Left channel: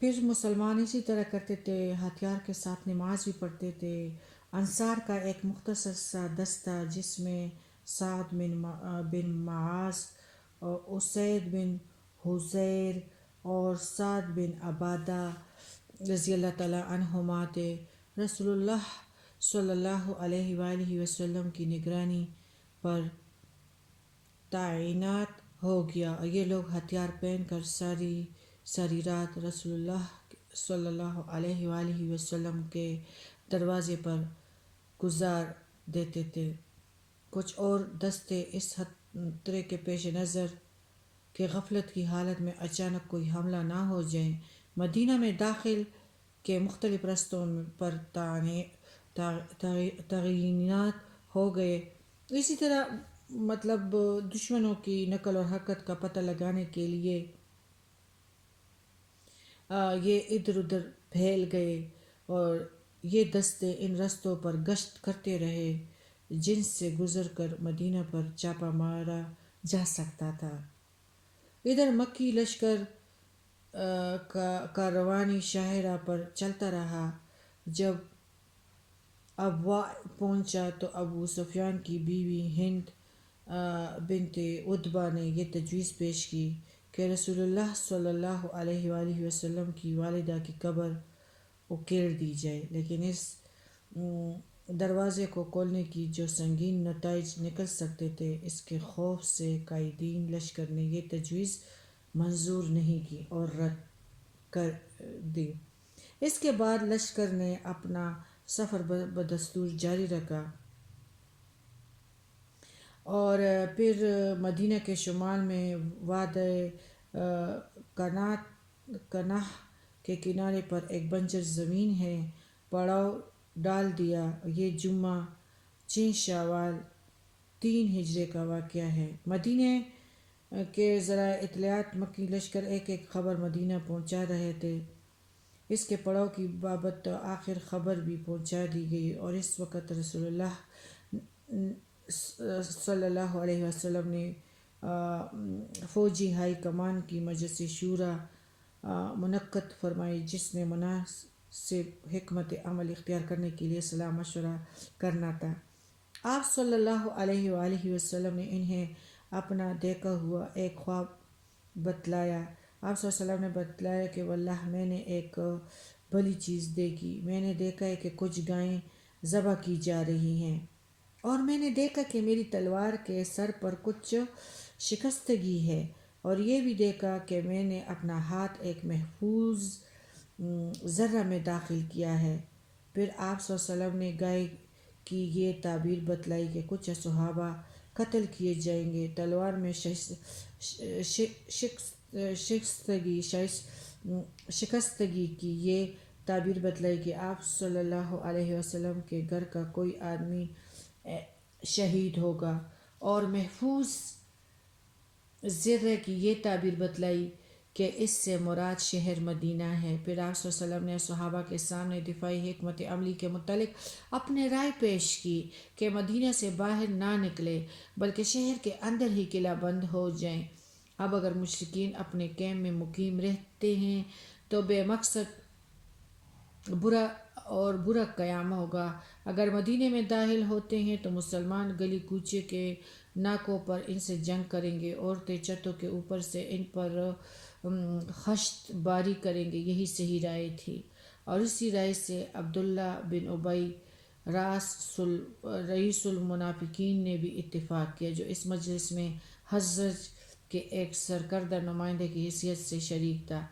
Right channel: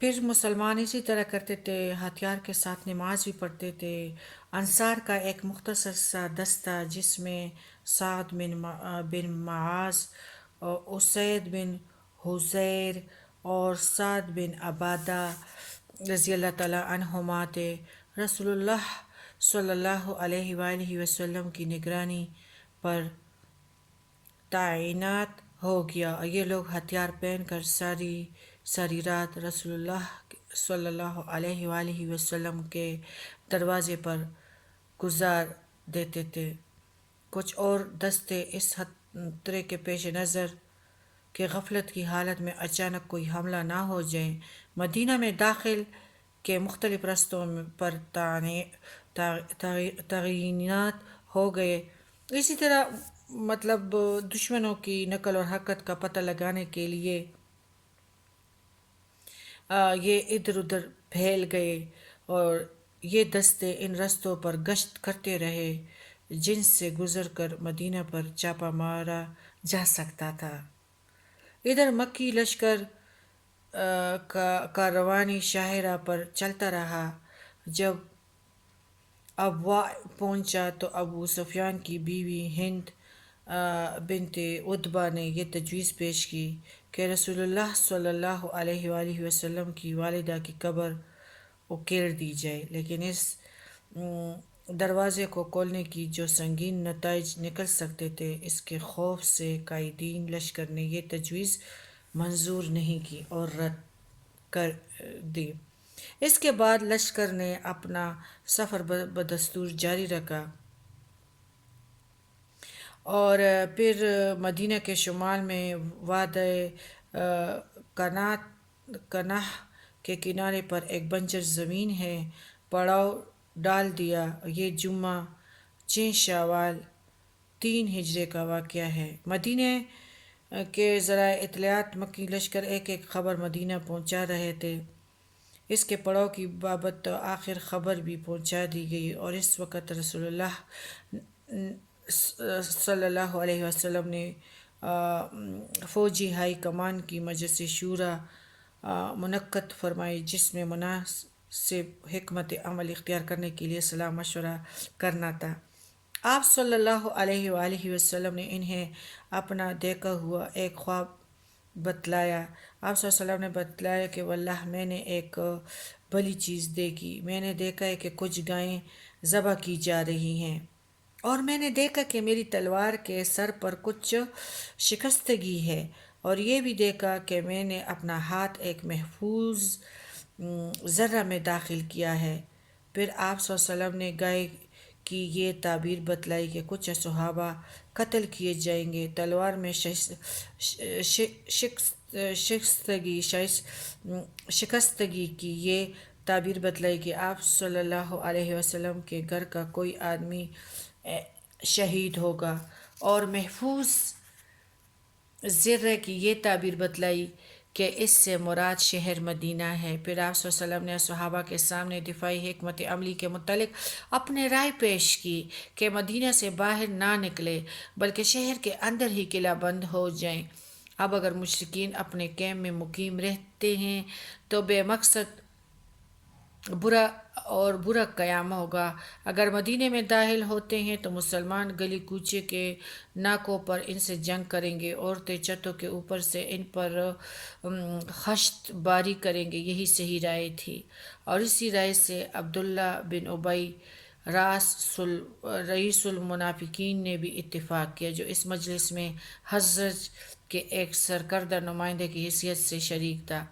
پھر مسلمان اسی طرح کرتے تھے، ہتھیار کے ساتھ نماز بھی پڑھتے تھے۔ انصار کا ایک مختصر سا دستہ جس میں سعد بن معاذ اور اسید بن حضیر اور سعد بن عبادہ رضی اللہ تعالیٰ عنہما تھے، رسول اللہ صلی اللہ علیہ وآلہ وسلم کی نگرانی پر تعینات ہو گیا، اور یہ لوگ ہتھیار پہن کر ساری ساری رات رسول اللہ صلی اللہ علیہ وآلہ وسلم کے دروازے پر گزار دیتے تھے۔ کچھ اور دستے اس خطرے کے پیش نظر کہ غفلت کی حالت میں اچانک کوئی حملہ نہ ہو جائے، مدینہ میں داخل کے مختلف رستوں پر تعینات ہو گئے۔ اسی طرح مطلب دشمنوں کی نقل اور حرکت کا پتہ لگانے کے لیے یہ ادھر ادھر پھیل گئے، اور یہ دستے ان رستوں پر گشت کرتے رہے جن سے گزر کر مدینہ پر چھاپا مارا جا سکتا تھا۔ ادھر مکی لشکر کا روانی شاہراہ پر چلتا رہا۔ جب ابوا پہنچا تو ابو سفیان کی بیوی ہند بنت عتبہ نے یہ تجویز پیش کی کہ رسول اللہ صلی اللہ علیہ وآلہ وسلم کی والدہ کی قبر اکیڑ دی جائے، لیکن اس دروازے کو کھولنے کی جو سنگین نتائج نکل سکتے تھے، اس کے خوف سے قائدین لشکر نے یہ تجویز منظور نہیں کی اور رد کر دی۔ اس کے بعد لشکر نے اپنا سفر بدستور جاری رکھا اور پھر مدینہ کے شمال میں وادی کناہ کے کنارے پر ایک بنجر زمین ہے پڑاؤ ڈال دیا۔ یہ جمعہ 6 شوال 3 ہجری کا واقعہ ہے۔ مدینہ کے ذرائع اطلاعات مکی لشکر ایک ایک خبر مدینہ پہنچا رہے تھے۔ اس کے پڑاؤ کی بابت آخر خبر بھی پہنچا دی گئی، اور اس وقت رسول اللہ صلی اللہ علیہ وسلم نے فوجی ہائی کمان کی مجلس شورا منعقد فرمائی، جس میں مناسب حکمت عمل اختیار کرنے کے لیے صلاح مشورہ کرنا تھا۔ آپ صلی اللہ علیہ وآلہ وسلم نے انہیں اپنا دیکھا ہوا ایک خواب بتلایا۔ آپ صلی اللہ علیہ وسلم نے بتلایا کہ واللہ میں نے ایک بھلی چیز دیکھی۔ میں نے دیکھا ہے کہ کچھ گائیں ذبح کی جا رہی ہیں، اور میں نے دیکھا کہ میری تلوار کے سر پر کچھ شکستگی ہے، اور یہ بھی دیکھا کہ میں نے اپنا ہاتھ ایک محفوظ ذرہ میں داخل کیا ہے۔ پھر آپ صلی اللہ علیہ وسلم نے گائے کی یہ تعبیر بتلائی کہ کچھ صحابہ قتل کیے جائیں گے۔ تلوار میں شکستگی کی یہ تعبیر بتلائی کہ آپ صلی اللہ علیہ وسلم کے گھر کا کوئی آدمی شہید ہوگا، اور محفوظ ذرہ کی یہ تعبیر بتلائی کہ اس سے مراد شہر مدینہ ہے۔ پھر آپ صلی اللہ علیہ وسلم نے صحابہ کے سامنے دفاعی حکمت عملی کے متعلق اپنے رائے پیش کی کہ مدینہ سے باہر نہ نکلے بلکہ شہر کے اندر ہی قلعہ بند ہو جائیں۔ اب اگر مشرکین اپنے کیمپ میں مقیم رہتے ہیں تو بے مقصد برا قیام ہوگا، اگر مدینے میں داخل ہوتے ہیں تو مسلمان گلی کوچے کے ناکوں پر ان سے جنگ کریں گے، عورتیں چھتوں کے اوپر سے ان پر خشت باری کریں گے۔ یہی صحیح رائے تھی، اور اسی رائے سے عبداللہ بن ابی رئیس المنافقین نے بھی اتفاق کیا، جو اس مجلس میں حضرت کے ایک سرکردہ نمائندے کی حیثیت سے شریک تھا۔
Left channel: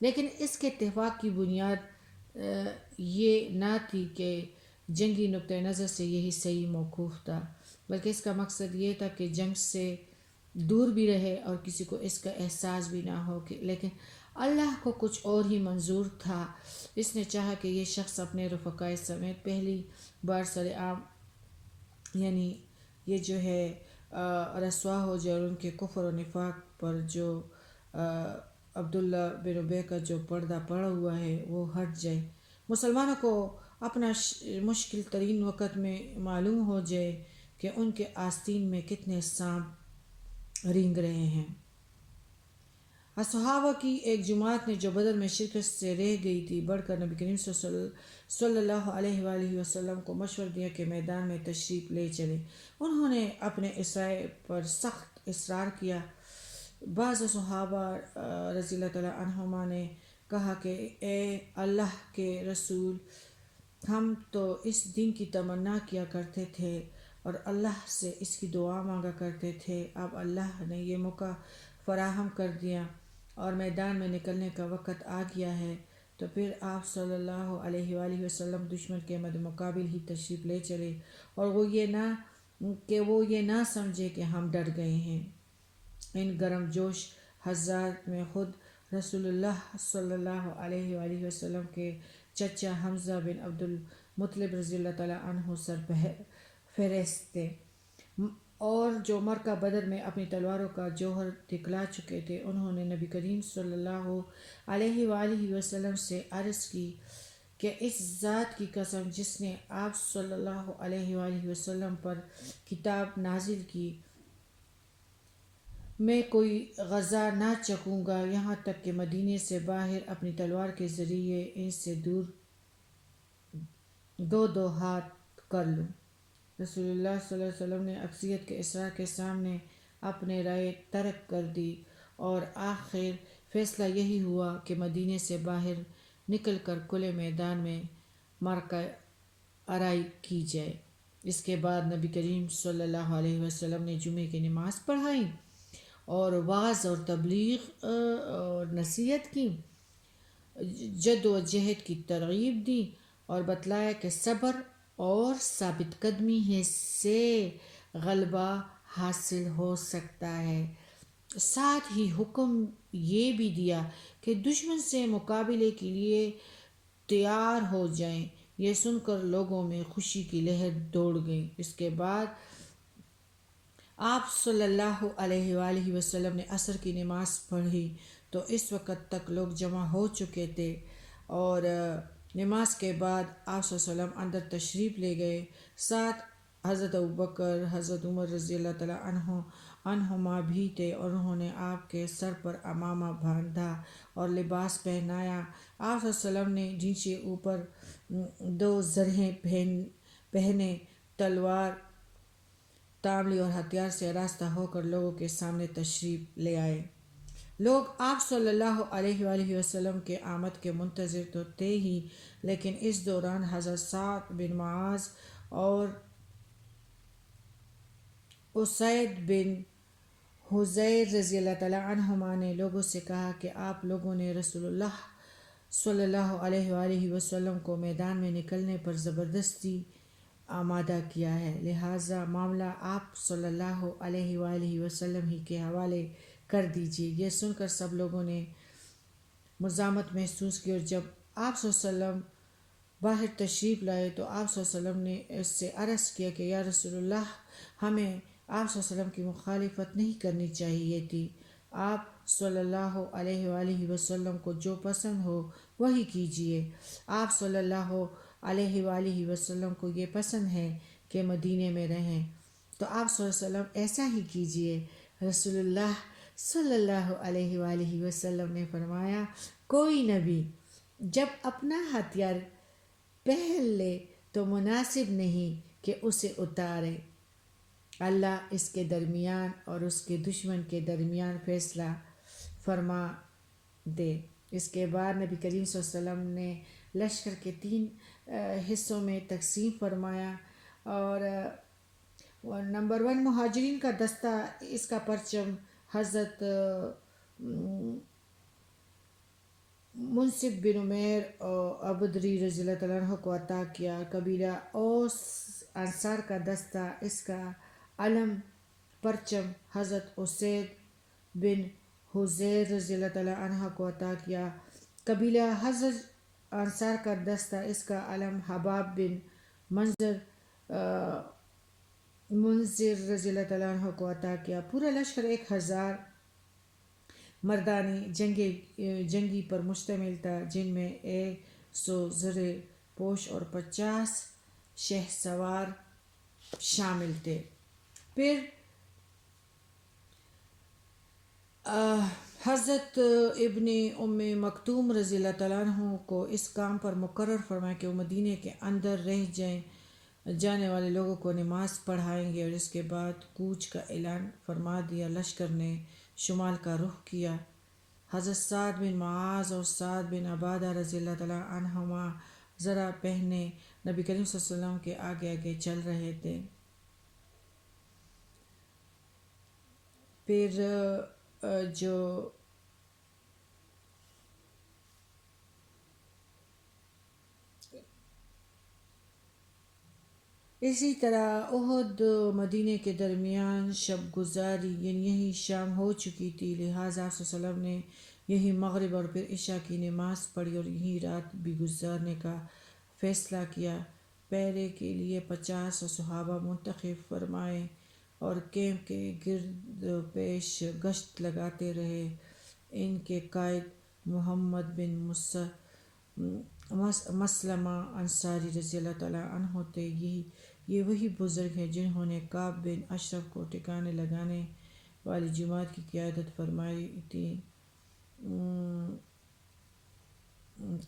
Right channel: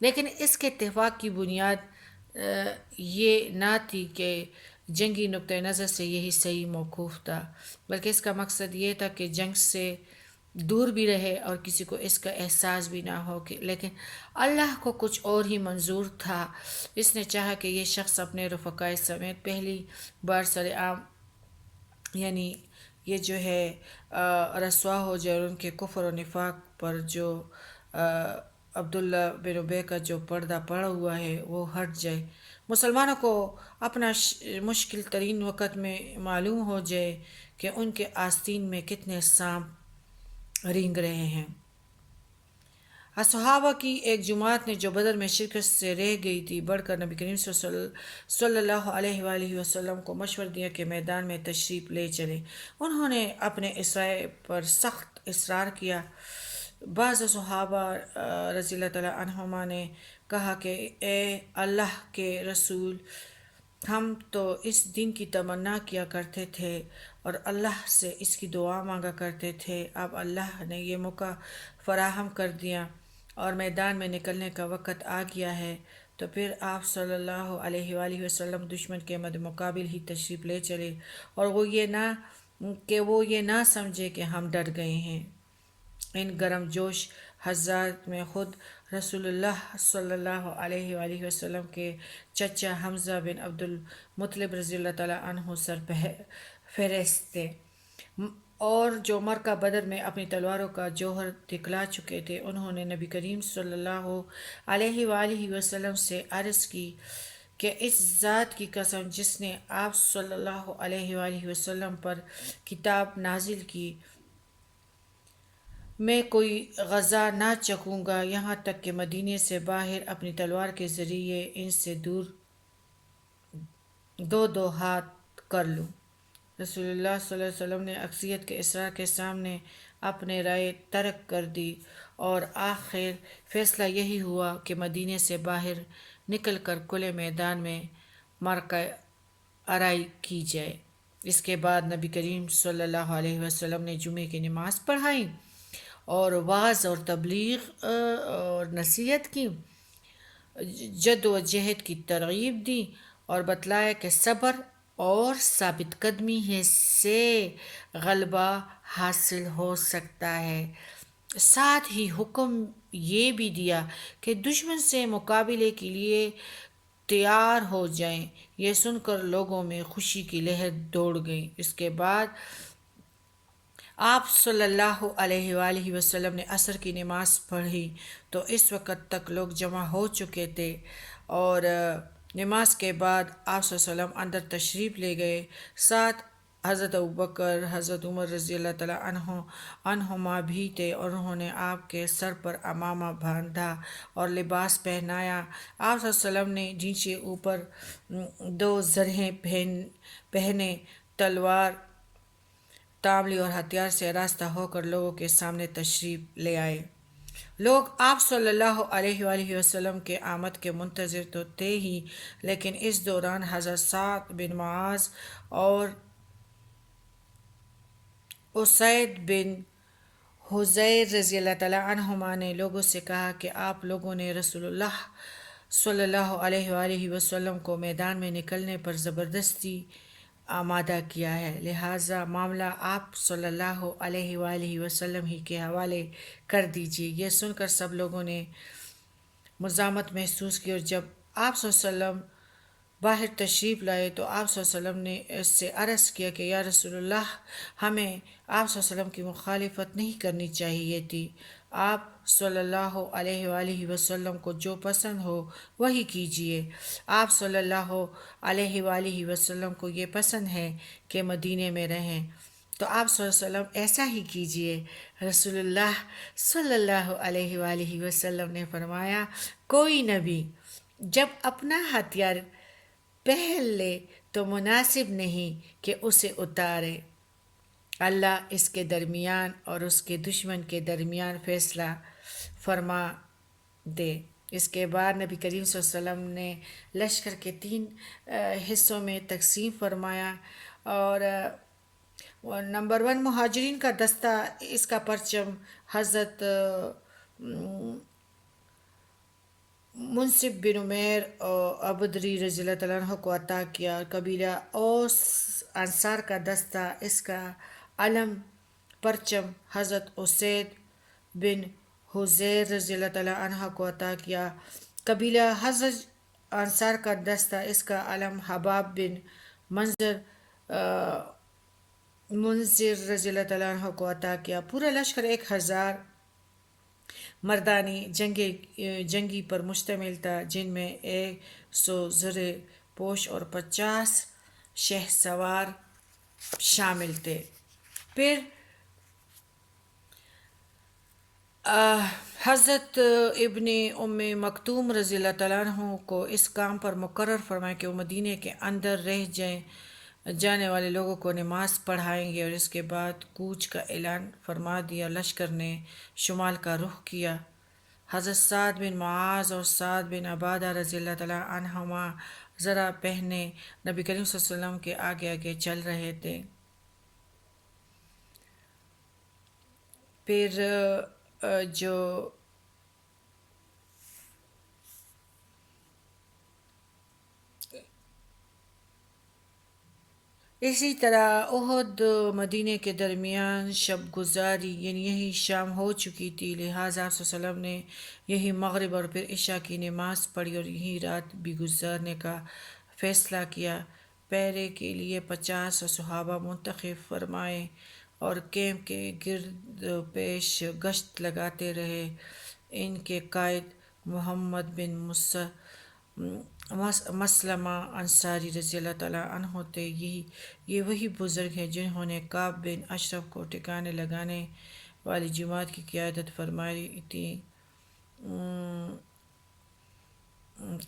لیکن اس کے اتفاق کی بنیاد یہ نہ تھی کہ جنگی نقطہ نظر سے یہی صحیح موقف تھا، بلکہ اس کا مقصد یہ تھا کہ جنگ سے دور بھی رہے اور کسی کو اس کا احساس بھی نہ ہو لیکن اللہ کو کچھ اور ہی منظور تھا۔ اس نے چاہا کہ یہ شخص اپنے رفقائے سمیت پہلی بار سرعام یعنی یہ جو ہے رسوا ہو جائے، اور ان کے کفر و نفاق پر جو عبداللہ بن ابی کا جو پردہ پڑا ہوا ہے وہ ہٹ جائے، مسلمانوں کو اپنا مشکل ترین وقت میں معلوم ہو جائے کہ ان کے آستین میں کتنے سانپ رینگ رہے ہیں۔ صحابہ کی ایک جماعت نے جو بدر میں شرکت سے رہ گئی تھی بڑھ کر نبی کریم صلی اللہ علیہ وآلہ وسلم کو مشورہ دیا کہ میدان میں تشریف لے چلے۔ انہوں نے اپنے اصرار پر سخت اصرار کیا۔ بعض صحابہ رضی اللہ تعالیٰ عنہما نے کہا کہ اے اللہ کے رسول، ہم تو اس دن کی تمنا کیا کرتے تھے اور اللہ سے اس کی دعا مانگا کرتے تھے، اب اللہ نے یہ موقع فراہم کر دیا اور میدان میں نکلنے کا وقت آ گیا ہے، تو پھر آپ صلی اللہ علیہ وآلہ وسلم دشمن کے مد مقابل ہی تشریف لے چلے اور وہ یہ نہ سمجھے کہ ہم ڈر گئے ہیں۔ ان گرم جوش حضرات میں خود رسول اللہ صلی اللہ علیہ وآلہ وسلم کے چچا حمزہ بن عبد المطلب رضی اللہ تعالیٰ عنہ سر فہرست تھے، اور جو مرکہ بدر میں اپنی تلواروں کا جوہر دکھلا چکے تھے۔ انہوں نے نبی کریم صلی اللہ علیہ وآلہ وسلم سے عرض کی کہ اس ذات کی قسم جس نے آپ صلی اللہ علیہ وآلہ وسلم پر کتاب نازل کی، میں کوئی غذا نہ چکھوں گا یہاں تک کہ مدینے سے باہر اپنی تلوار کے ذریعے ان سے دور دو ہاتھ کر لوں۔ رسول اللہ صلی اللہ علیہ وسلم نے اکثریت کے اصرار کے سامنے اپنے رائے ترک کر دی اور آخر فیصلہ یہی ہوا کہ مدینے سے باہر نکل کر کھلے میدان میں معرکہ آرائی کی جائے۔ اس کے بعد نبی کریم صلی اللہ علیہ وسلم نے جمعے کی نماز پڑھائی اور وعظ اور تبلیغ اور نصیحت کی، جد و جہد کی ترغیب دی اور بتلایا کہ صبر اور ثابت قدمی سے غلبہ حاصل ہو سکتا ہے۔ ساتھ ہی حکم یہ بھی دیا کہ دشمن سے مقابلے کے لیے تیار ہو جائیں۔ یہ سن کر لوگوں میں خوشی کی لہر دوڑ گئی۔ اس کے بعد آپ صلی اللہ علیہ وآلہ وسلم نے عصر کی نماز پڑھی تو اس وقت تک لوگ جمع ہو چکے تھے، اور نماز کے بعد آپ صلی اللہ علیہ وسلم اندر تشریف لے گئے۔ ساتھ حضرت ابوبکر، حضرت عمر رضی اللہ تعالیٰ عنہما بھی تھے، اور انہوں نے آپ کے سر پر عمامہ باندھا اور لباس پہنایا۔ آپ صلی اللہ علیہ وسلم نے جن سے اوپر 2 زرہیں پہنے، تلوار تاملی اور ہتھیار سے آراستہ ہو کر لوگوں کے سامنے تشریف لے آئے۔ لوگ آپ صلی اللہ علیہ وآلہ وسلم کے آمد کے منتظر تو تھے ہی، لیکن اس دوران حضرت سعد بن معاذ اور اسید بن حضیر رضی اللہ تعالیٰ عنہما نے لوگوں سے کہا کہ آپ لوگوں نے رسول اللہ صلی اللہ علیہ وآلہ وسلم کو میدان میں نکلنے پر زبردستی آمادہ کیا ہے، لہٰذا معاملہ آپ صلی اللہ علیہ وآلہ وسلم ہی کے حوالے کر دیجیے۔ یہ سن کر سب لوگوں نے مزاحمت محسوس کی، اور جب آپ صلی اللہ علیہ وسلم باہر تشریف لائے تو آپ صلی اللہ علیہ وسلم نے اس سے عرض کیا کہ یا رسول اللہ، ہمیں آپ صلی اللہ علیہ وسلم کی مخالفت نہیں کرنی چاہیے تھی۔ آپ صلی اللہ علیہ وآلہ وسلم کو جو پسند ہو وہی کیجیے۔ آپ صلی اللہ علیہ وآلہ وسلم کو یہ پسند ہے کہ مدینے میں رہیں، تو آپ صلی اللہ علیہ وسلم ایسا ہی کیجیے۔ رسول اللہ صلی اللہ علیہ وآلہ وسلم نے فرمایا، کوئی نبی جب اپنا ہتھیار پہن لے تو مناسب نہیں کہ اسے اتارے، اللہ اس کے درمیان اور اس کے دشمن کے درمیان فیصلہ فرما دے۔ اس کے بعد نبی کریم صلی اللہ علیہ وسلم نے لشکر کے 3 حصوں میں تقسیم فرمایا، اور نمبر 1 مہاجرین کا دستہ، اس کا پرچم حضرت منصف بن عمیر عبدری رضی اللہ تعالیٰ عنہ کو عطا کیا۔ قبیلہ اوس انصار کا دستہ، اس کا علم پرچم حضرت اسید بن حضیر رضی اللہ تعالیٰ عنہ کو عطا کیا۔ قبیلہ حضرت انصار کا دستہ، اس کا علم حباب بن منذر رضی اللہ تعالیٰ عنہ کو عطا کیا۔ پورا لشکر 1000 مردانی جنگی پر مشتمل تھا، جن میں 100 زرہ پوش اور 50 شہ سوار شامل تھے۔ پھر حضرت ابن ام مکتوم رضی اللہ تعالیٰ عنہ کو اس کام پر مقرر فرمائے کہ وہ مدینے کے اندر رہ جانے والے لوگوں کو نماز پڑھائیں گے، اور اس کے بعد کوچ کا اعلان فرما دیا۔ لشکر نے شمال کا رخ کیا۔ حضرت سعد بن معاذ اور سعد بن عبادہ رضی اللہ تعالیٰ عنہما ذرا پہنے نبی کریم صلی اللہ علیہ وسلم کے آگے آگے چل رہے تھے۔ پھر جو اسی طرح احد مدینے کے درمیان شب گزاری، یعنی یہی شام ہو چکی تھی، لہٰذا آپ صلی اللہ علیہ وسلم نے یہی مغرب اور پھر عشاء کی نماز پڑھی اور یہی رات بھی گزارنے کا فیصلہ کیا۔ پہرے کے لیے 50 صحابہ منتخب فرمائے اور کیمپ کے گرد و پیش گشت لگاتے رہے۔ ان کے قائد محمد بن مسلمہ انصاری رضی اللہ تعالیٰ عنہ تھے۔ یہ وہی بزرگ ہیں جنہوں نے کعب بن اشرف کو ٹھکانے لگانے والی جماعت کی قیادت فرمائی تھی۔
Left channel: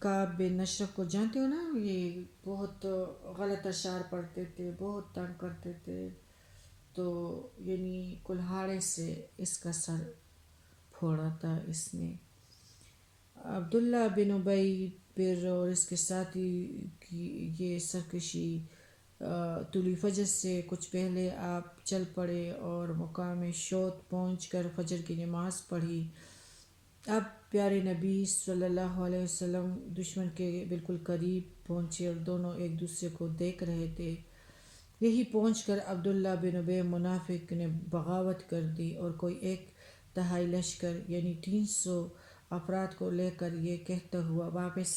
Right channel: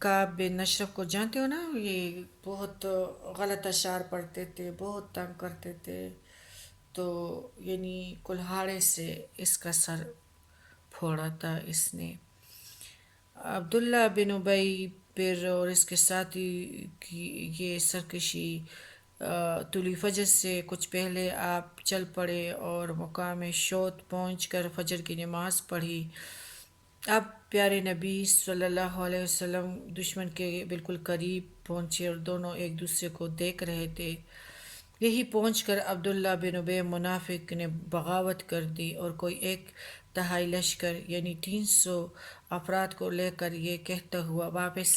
کعب بن اشرف کو جانتے ہو نا، یہ بہت غلط اشعار پڑھتے تھے، بہت تنگ کرتے تھے، تو یعنی کلہاڑے سے اس کا سر پھوڑا تھا اس نے۔ عبداللہ بن ابی پھر اور اس کے ساتھی کی یہ سرکشی طلوع فجر سے کچھ پہلے آپ چل پڑے اور مقام شوط پہنچ کر فجر کی نماز پڑھی۔ اب پیارے نبی صلی اللہ علیہ وسلم دشمن کے بالکل قریب پہنچے اور دونوں ایک دوسرے کو دیکھ رہے تھے۔ یہی پہنچ کر عبداللہ بن ابی منافق نے بغاوت کر دی اور کوئی 1/3 لشکر یعنی 300 افراد کو لے کر یہ کہتا ہوا واپس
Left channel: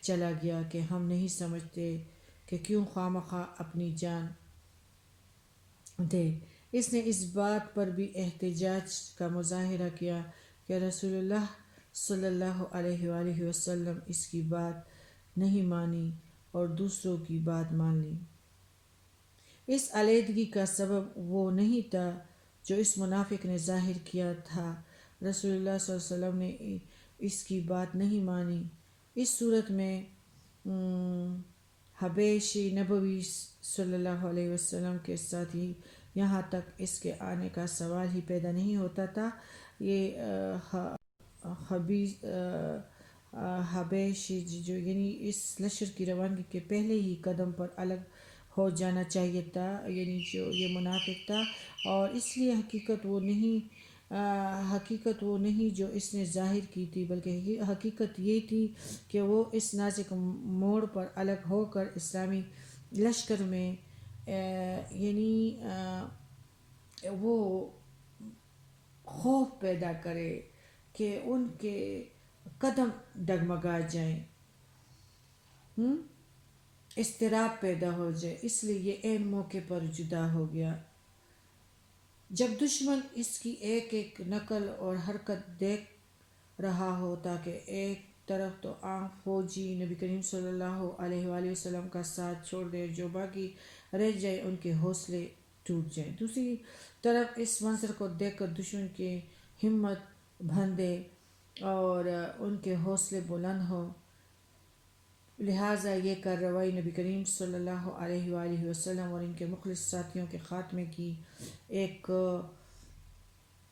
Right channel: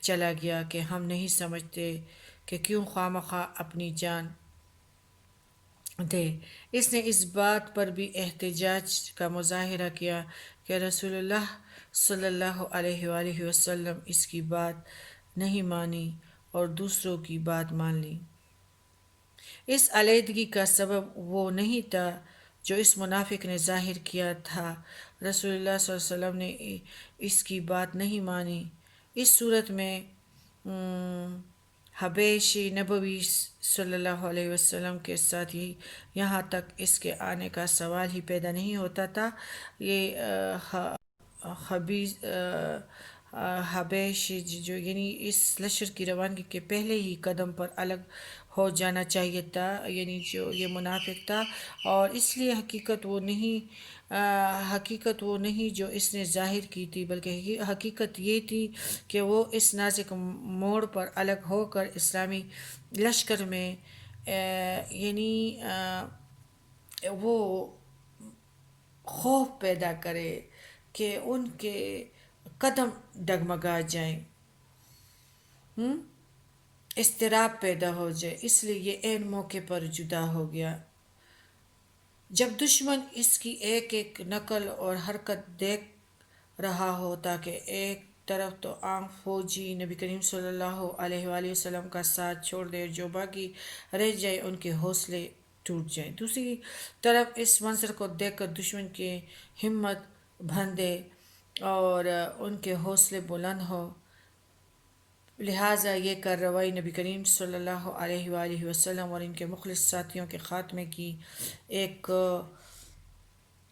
چلا گیا کہ ہم نہیں سمجھتے کہ کیوں خواہ اپنی جان دے۔ اس نے اس بات پر بھی احتجاج کا مظاہرہ کیا کہ رسول اللہ صلی اللہ علیہ وآلہ وسلم اس کی بات نہیں مانی اور دوسروں کی بات مان لی۔ اس علیحدگی کا سبب وہ نہیں تھا جو اس منافق نے ظاہر کیا تھا۔ رسول اللہ صلی اللہ علیہ وسلم نے اس کی بات نہیں مانی۔ اس صورت میں حبیش نبوی صلی اللہ علیہ وسلم کے ساتھ ہی یہاں تک اس کے آنے کا سوال ہی پیدا نہیں ہوتا تھا۔ یہ حبیش جو یعنی اس لشکر کی روانگی کے پہلے ہی قدم پر الگ ہو جانا چاہیے تھا، یعنی جو یہ منافق تھا، اور اس لیے حقیقت وہ نہیں جو اس نے ظاہر کی تھی، بلکہ حقیقت یہ تھی کہ وہ اس نازک موڑ پر الگ ہو کر اسلامی لشکر میں یعنی وہ خوف پیدا کرے کہ ان کے قدم ڈگمگا جائیں، اضطراب پیدا ہو جائے۔ اس لیے یہ عین موقع پر جدا ہو گیا جب دشمن اس کی ایک ایک نقل اور حرکت دیکھ رہا ہو، تاکہ ایک طرف تو عام فوجی نبی کریم صلی اللہ علیہ وآلہ وسلم کا ساتھ چھوڑ دے، جو باقی رہ جائے ان کے حوصلے ٹوٹ جائیں، دوسری طرف اس منظر کو دیکھ کر دشمن کی ہمت بندھے اور ان کے حوصلے بلند ہو۔ لہٰذا یہ کارروائی نبی کریم صلی اللہ علیہ وآلہ وسلم اور ان کے مخلص ساتھیوں کے خاتمے کی ایک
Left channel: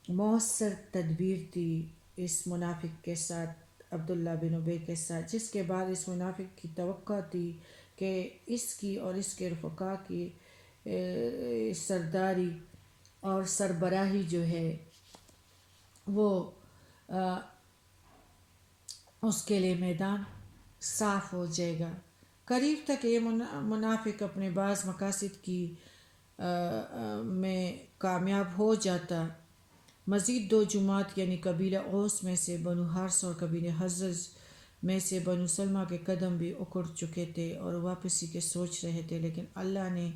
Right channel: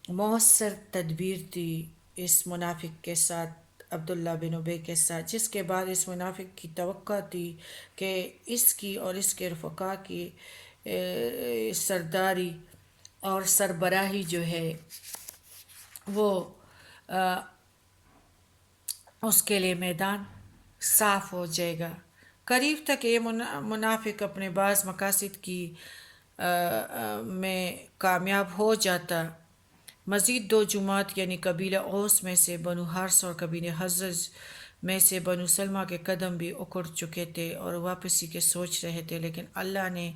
مؤثر تدبیر تھی اس منافق کے ساتھ، عبداللہ بن ابی کے ساتھ، جس کے بعد اس منافق کی توقع تھی کہ اس کی اور اس کے رفقا کی سرداری اور سربراہی جو ہے وہ اس کے لیے میدان صاف ہو جائے گا۔ قریب تک یہ منافق اپنے بعض مقاصد کی میں کامیاب ہو جاتا۔ مزید 2 جماعت یعنی قبیلہ اوس میں سے بنو حارث اور قبیلہ خزرج میں سے بنو سلمہ کے قدم بھی اکڑ چکے تھے اور واپسی کے سوچ رہے تھے، لیکن اللہ نے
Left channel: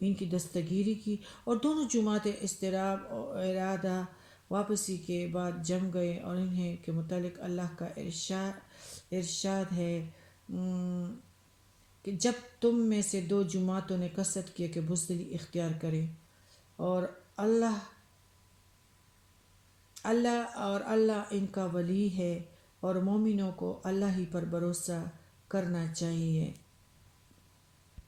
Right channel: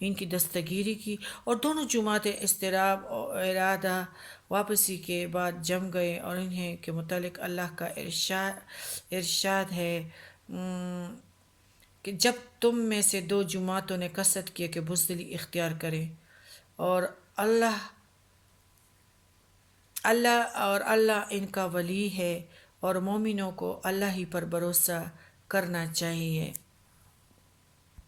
ان کی دستگیری کی اور دونوں جماعتیں اضطراب اور ارادہ واپسی کے بعد جم گئے، اور انہیں کے متعلق اللہ کا ارشاد ہے کہ جب تم میں سے 2 جماعتوں نے قصد کیا کہ بزدلی اختیار کریں اور اللہ اللہ ان کا ولی ہے، اور مومنوں کو اللہ ہی پر بھروسہ کرنا چاہیے۔